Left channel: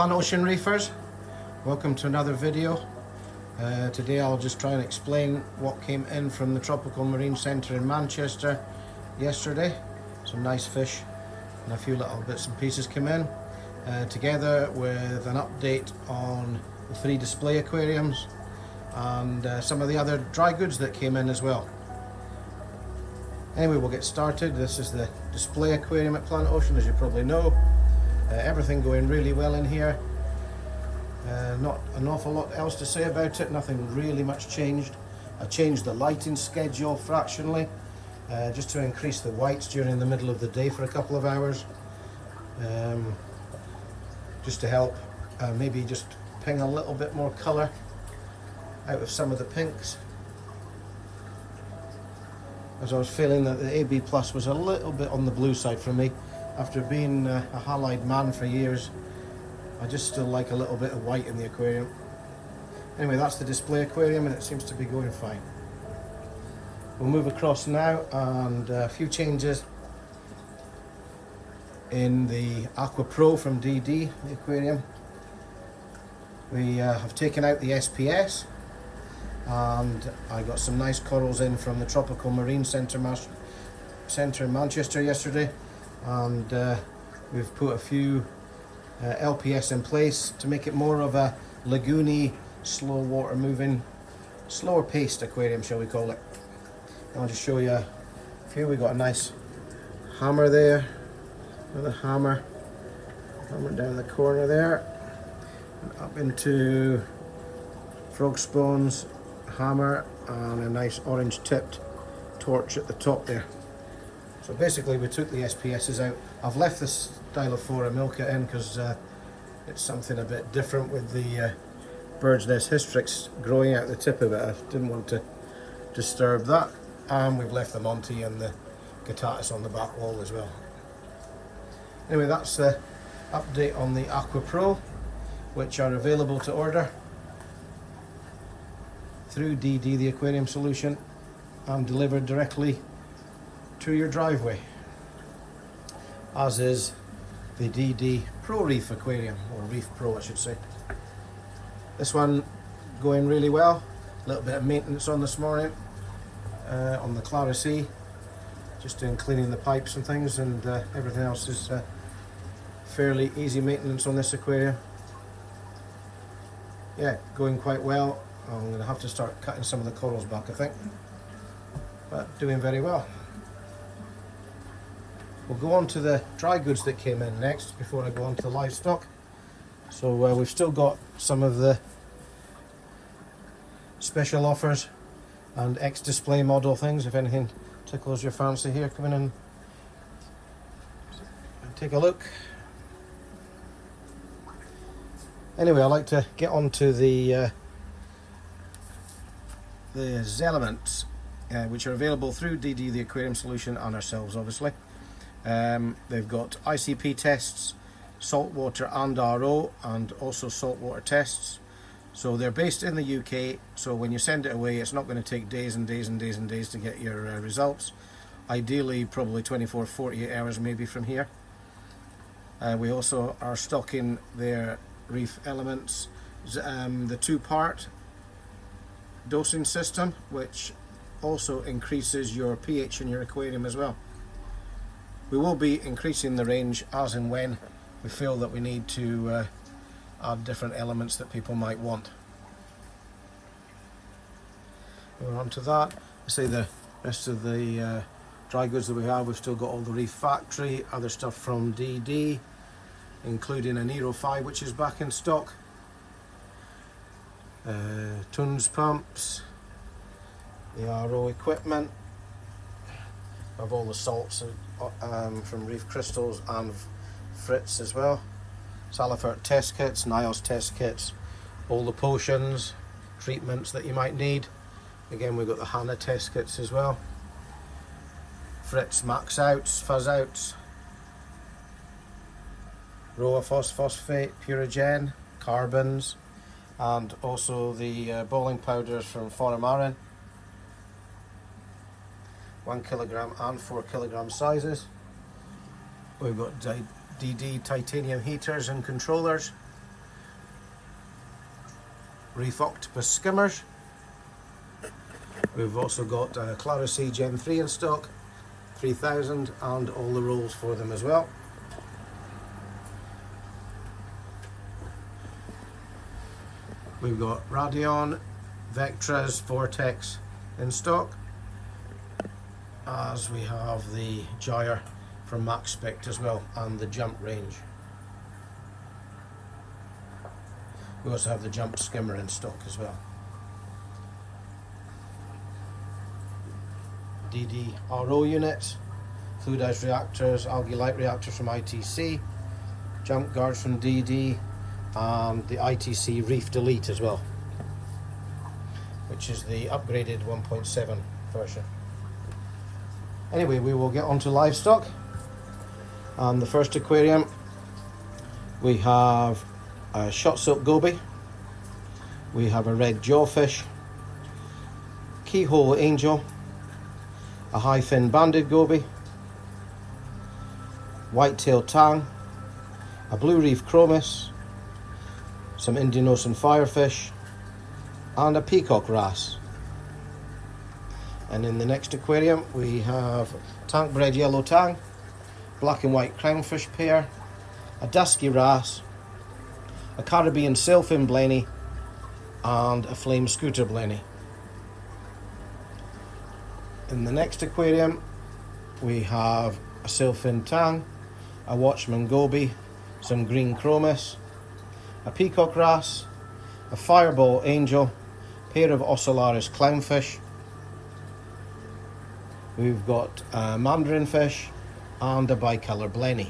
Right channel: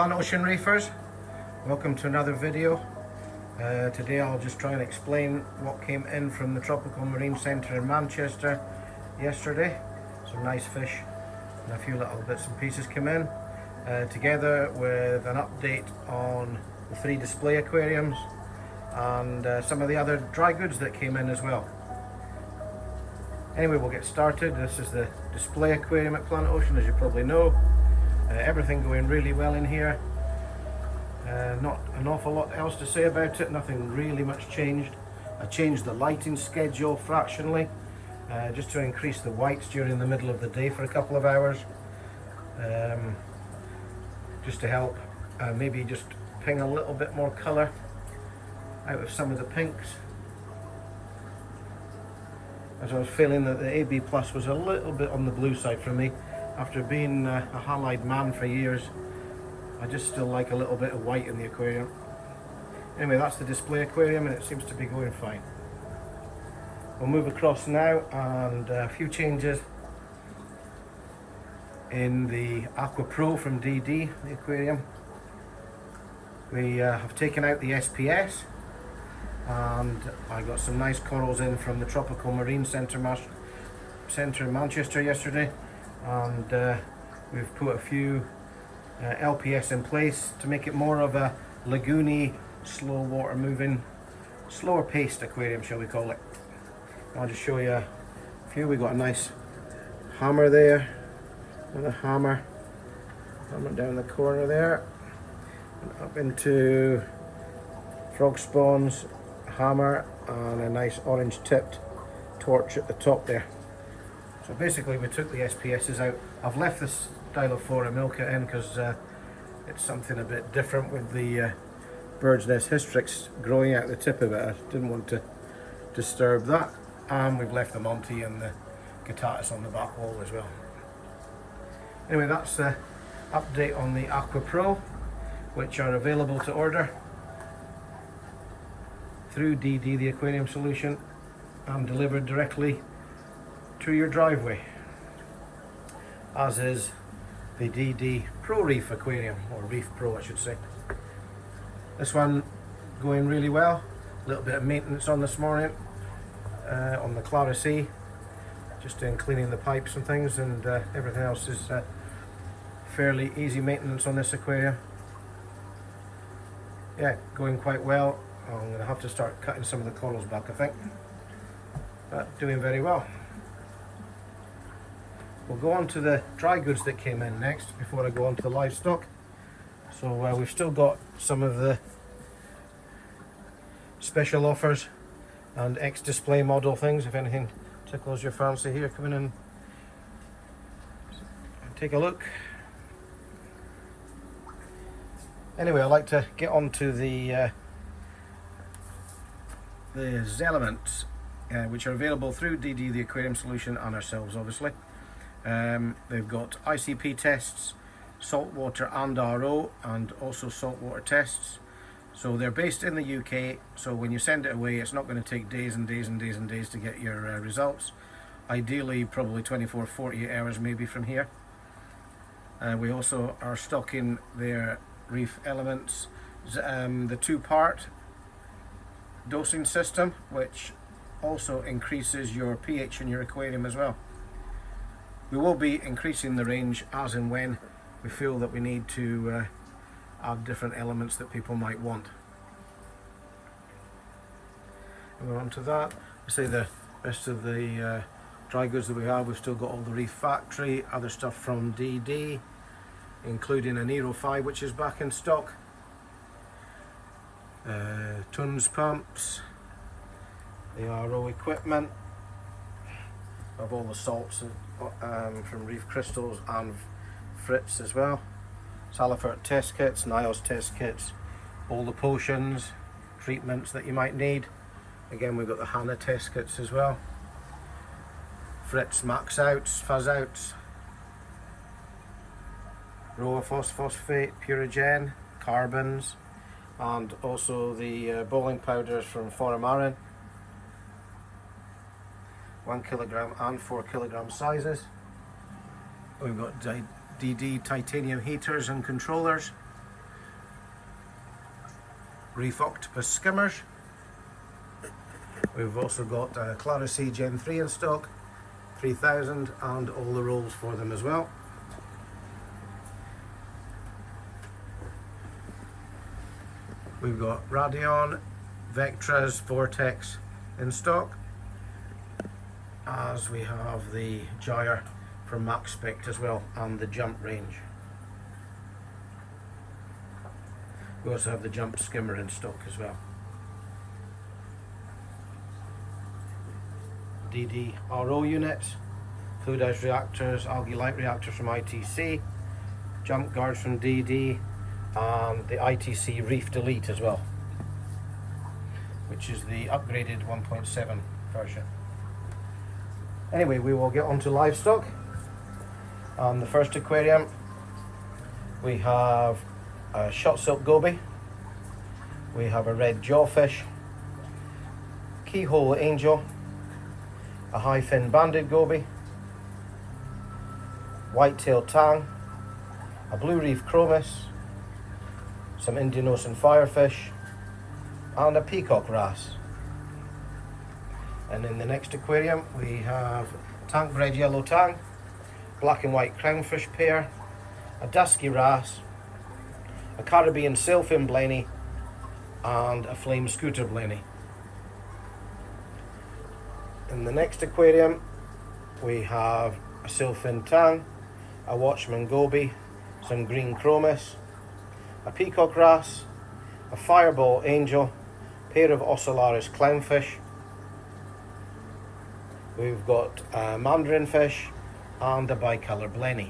Planet Ocean Reefers, welcome to another video. Today I'll just try and explain what came in from the Tropical Marine Centre in Manchester yesterday. Some nice fish and a few little bits and pieces came in, together with an update on the 3 display aquariums and some of the other dry goods that came in as well. Anyway, we'll get started. This is the display aquarium at Planet Ocean, as you probably know. Everything going really well in here. Not an awful lot else to say about it, nothing really much changed. I changed the lighting schedule fractionally, just to increase the whites during the middle of the day for a couple of hours. Just to help maybe just ping a little bit more colour out of some of the pinks, as I was feeling that the AB Plus was a little bit on the blue side for me. After being a halide man for years, I just still like a little bit of white in the aquarium. Anyway, that's the display aquarium and it seems to be going fine. We'll move across now, and a few changes in the Aqua Pro from DD, the aquarium. We have taken out the SPS, and I got some nice corals in from the Tropical Marine Centre in Manchester yesterday, and we've put a few LPS in place to make it more of a lagoony, slow water moving, slower paced aquarium, shall we call it. I'll just show you a few. We got a nice hammer there, another hammer down the corner there, and up into frog spawns, hammer, and a nice orange tipped torch at the top there. So basically we took the SPSs out. I've left this Stylophora milka in because it's something a bit different with the bird's nest hystrix growing out the tip of it. I didn't want to disturb that, and we've left the Monty and the Guttatus on the back wall as well. Anyway, that's the update on the Aqua Pro, which are available to order through DD, the aquarium solution, and delivered directly to your driveway, as is the DD Pro Reef aquarium, or Reef Pro I should say. This one going really well. A little bit of maintenance on this morning on the Clara Sea, just in cleaning the pipes and things, and everything else is fairly easy maintenance on this aquarium. Yeah, going quite well. I'm going to have to start cutting some of the corals back, I think, but doing very well. We'll go on to the dry goods that came in next before I go on to the livestock. So we've still got some of the special offers and ex-display model things. If anything tickles your fancy here, come in and take a look. Anyway, I'd like to get on to the Zelements, which are available through DD, the aquarium solution, and ourselves obviously. They've got ICP tests, saltwater and RO, and also saltwater tests. So they're based in the UK, so when you send it away, it's not going to take days and days and days and days to get your results. Ideally, probably 24, 48 hours maybe from here. We also are stocking their reef elements, the 2-part dosing system, which also increases your pH in your aquarium as well. We will be increasing the range as and when we feel that we need to add different elements that people might want. We're on to that. I say the rest of the dry goods that we have, we've still got all the Reef Factory, other stuff from DD, including an Aero 5 which is back in stock, tons pumps, the RO equipment, of all the salts from Reef Crystals and Fritz as well, Salifert test kits, Niles test kits, all the potions, treatments that you might need. Again, we've got the Hannah test kits as well, Fritz max outs, fuzz outs, Roa phosphate, Purigen, carbons, and also the bowling powders from Foramarin. 1 kilogram and 4 kilogram sizes. We've got DD titanium heaters and controllers, reef octopus skimmers. We've also got Clara C Gen 3 in stock, 3000, and all the rolls for them as well. We've got Radion, Vectras, Vortex in stock, as we have the Gyre from Max Spect as well, and the Jump range. We also have the Jump skimmer in stock as well. DD RO units, fluidized reactors, algae light reactors from ITC, jump guards from DD, and the ITC Reef Delete as well, which is the upgraded 1.7 version. Anyway, we will get on to livestock. The first aquarium, we have a shot silk goby, we have a red jawfish, keyhole angel, a high fin banded goby, white-tailed tang, a blue reef chromis, some Indian Ocean firefish, and a peacock wrasse. And in the next aquarium we have tank bred yellow tang, black and white crownfish pair, a dusky wrasse, a Caribbean sailfin blenny, and a flame scooter blenny. In the next aquarium we have a sailfin tang, a watchman goby, some green chromis, a peacock wrasse, a fireball angel, pair of ocellaris clownfish. We've got a mandarin fish and a bicolour blenny.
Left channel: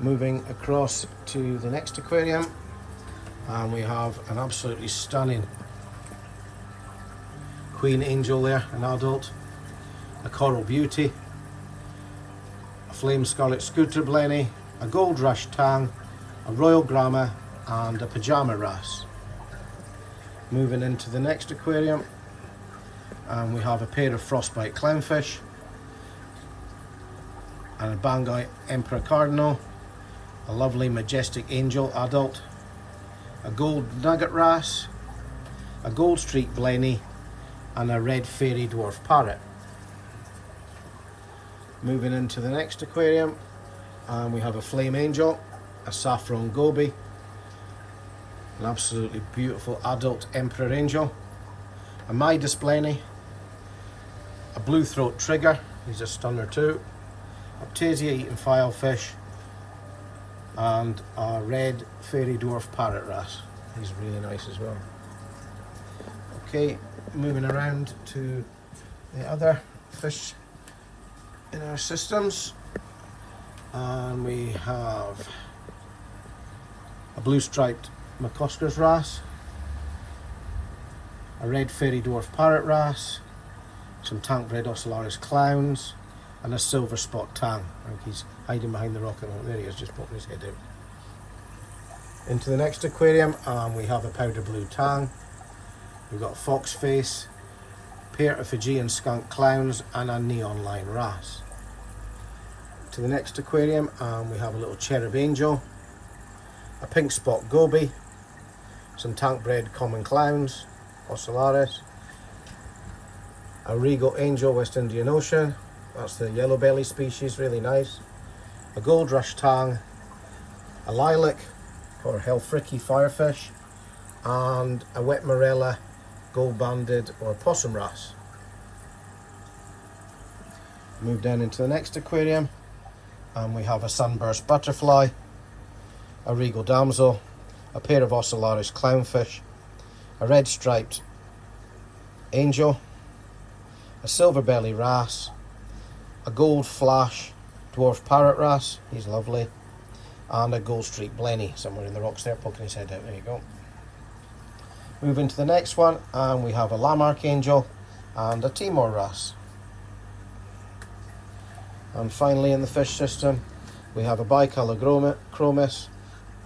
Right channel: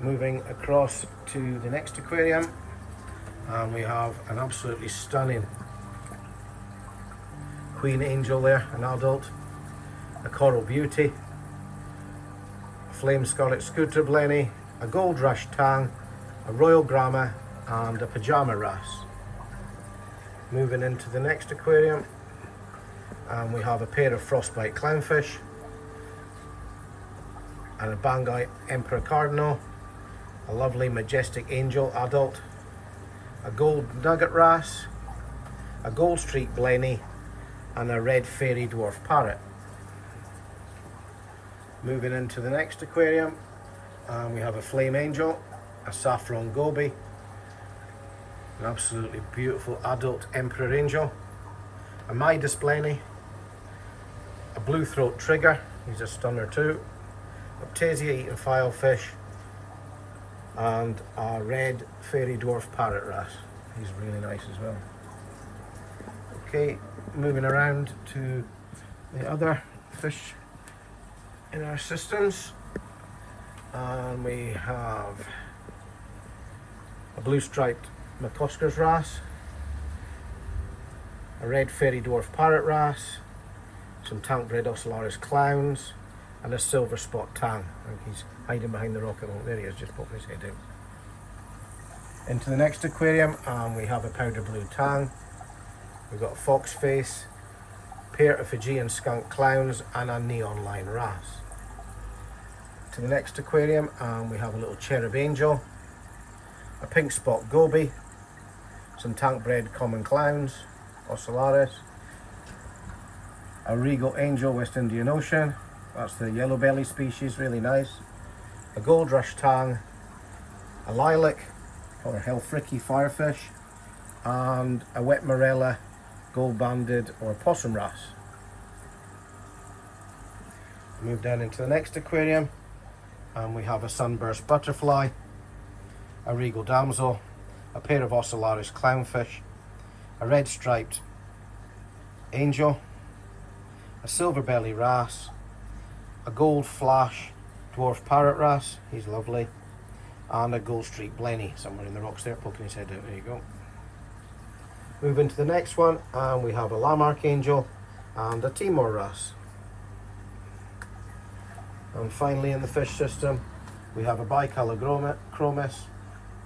Moving across to the next aquarium, and we have an absolutely stunning queen angel there, an adult, a coral beauty, a flame scarlet scooter blenny, a gold rush tang, a royal gramma, and a pajama wrasse. Moving into the next aquarium, and we have a pair of frostbite clownfish, and a Bangai emperor cardinal, a lovely majestic angel adult, a gold nugget wrasse, a gold streak blenny, and a red fairy dwarf parrot. Moving into the next aquarium, and we have a flame angel, a saffron goby, an absolutely beautiful adult emperor angel, a Midas blenny, a blue throat trigger, he's a stunner too, Optasia eating filefish, and a red fairy dwarf parrot wrasse. He's really nice as well. Okay, moving around to the other fish in our systems, and we have a blue striped McCosker's wrasse, a red fairy dwarf parrot wrasse, some tank bred ocellaris clowns, and a silver spot tang. I think he's hiding behind the rock at the moment. There he is, just popping his head out. Into the next aquarium, we have a powder blue tang, we've got a fox face, pair of Fijian skunk clowns, and a neon line wrasse. To the next aquarium, we have a little cherub angel, a pink spot goby, some tank bred common clowns, ocellaris, a regal angel West Indian Ocean, that's the yellow belly species, really nice, a gold rush tang, a lilac or hellfricky firefish, and a wet morella gold banded or possum wrasse. Move down into the next aquarium, and we have a sunburst butterfly, a regal damsel, a pair of ocellaris clownfish, a red striped angel, a silver belly wrasse, a gold flash dwarf parrot wrasse, he's lovely, and a gold streak blenny somewhere in the rocks there, poking his head out. There you go. Move into the next one, and we have a Lamarck angel and a Timor wrasse. And finally in the fish system, we have a bicolour chromis,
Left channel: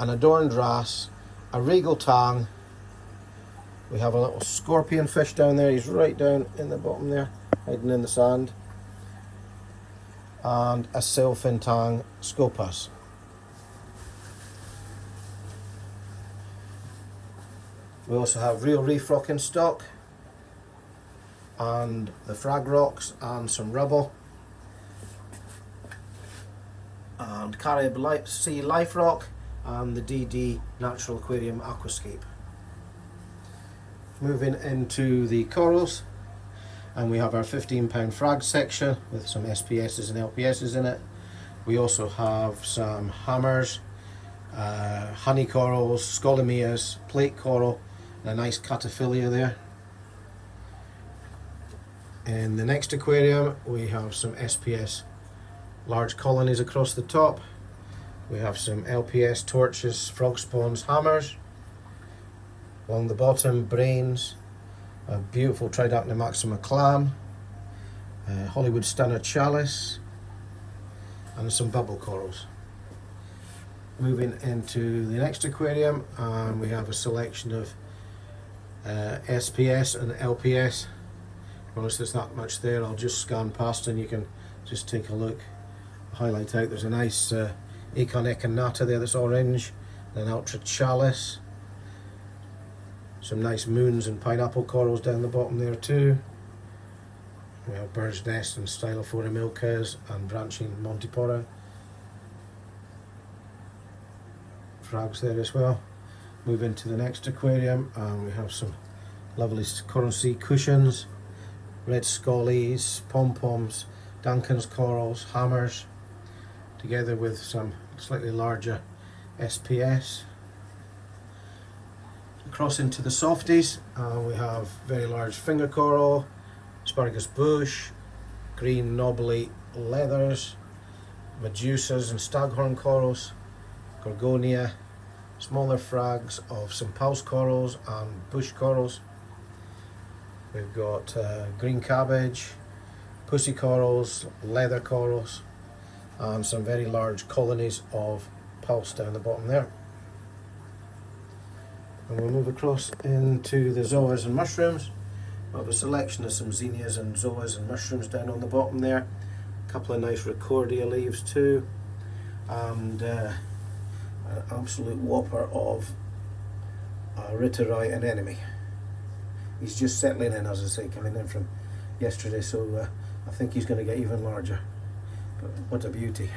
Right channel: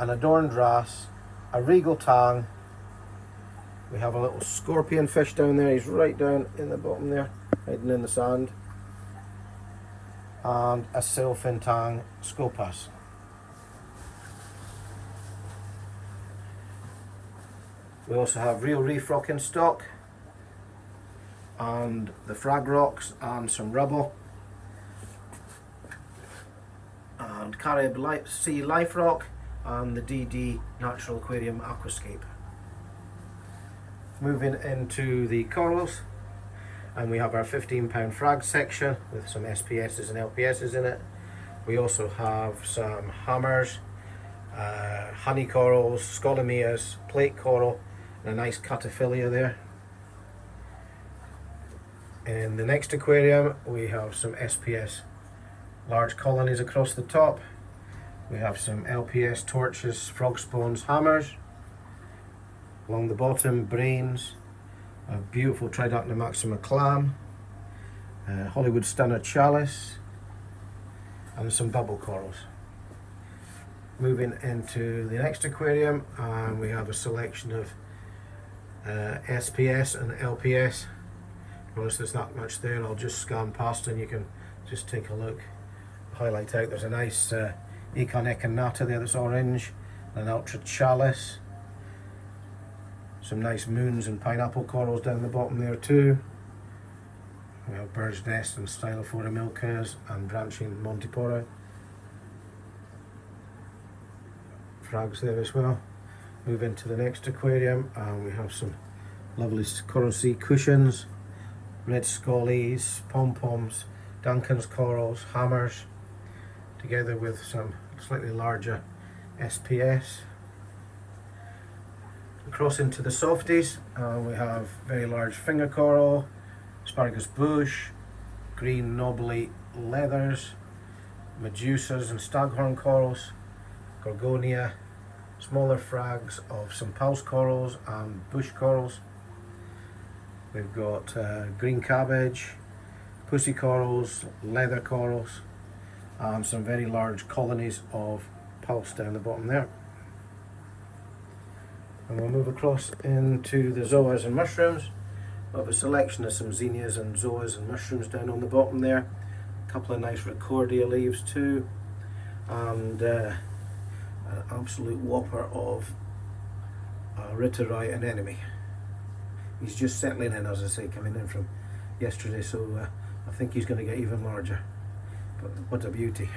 an adorned wrasse, a regal tang, we have a little scorpion fish down there, he's right down in the bottom there, hiding in the sand, and a sailfin tang scopus. We also have real reef rock in stock, and the frag rocks and some rubble, and Carib Sea Life Rock and the DD Natural Aquarium Aquascape. Moving into the corals, and we have our £15 frag section with some SPS's and LPS's in it. We also have some hammers, honey corals, scolamias, plate coral, and a nice cataphilia there. In the next aquarium we have some SPS large colonies across the top. We have some LPS torches, frog spawns, hammers. Along the bottom, brains, a beautiful Tridacna maxima clam, Hollywood stunner chalice, and some bubble corals. Moving into the next aquarium, and we have a selection of SPS and LPS. Honestly, there's not much there. I'll just scan past and you can just take a look. Highlight out, there's a nice Econ Echinata there that's orange, and an ultra chalice. Some nice moons and pineapple corals down the bottom there too. We have bird's nest and Stylophora milkers and branching Montipora. Frags there as well. Move into the next aquarium, and we have some lovely coral sea cushions, red scollies, pom-poms, Duncan's corals, hammers, together with some slightly larger SPS. Across into the softies, we have very large finger coral, asparagus bush, green knobbly leathers, medusas and staghorn corals, gorgonia, smaller frags of some pulse corals and bush corals. We've got green cabbage, pussy corals, leather corals, and some very large colonies of pulse down the bottom there. And we'll move across into the zoas and mushrooms. We have a selection of some zinnias and zoas and mushrooms down on the bottom there. A couple of nice Recordia leaves too, and an absolute whopper of Ritterai anemone. He's just settling in, as I say, coming in from yesterday, so I think he's going to get even larger. But what a beauty.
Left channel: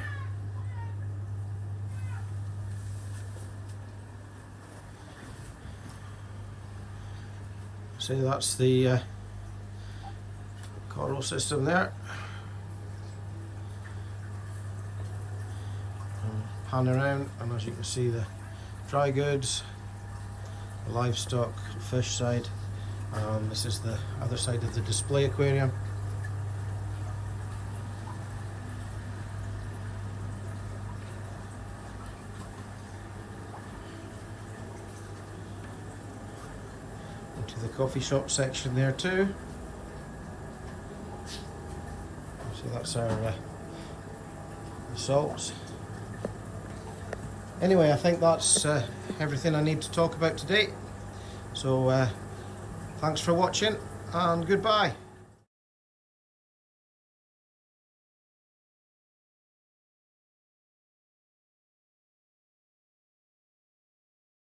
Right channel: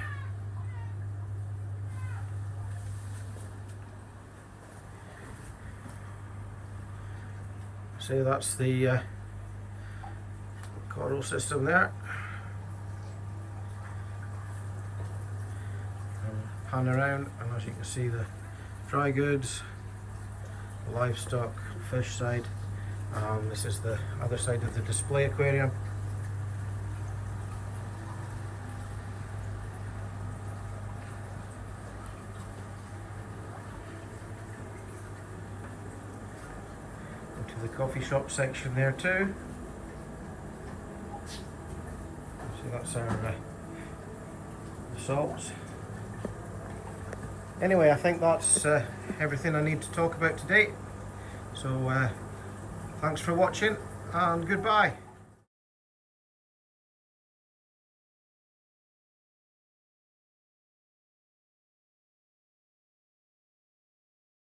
So that's the coral system there. And pan around, and as you can see, the dry goods, livestock, fish side. This is the other side of the display aquarium. Into the coffee shop section there too. So that's our salts. Anyway, I think that's everything I need to talk about today. So thanks for watching, and goodbye.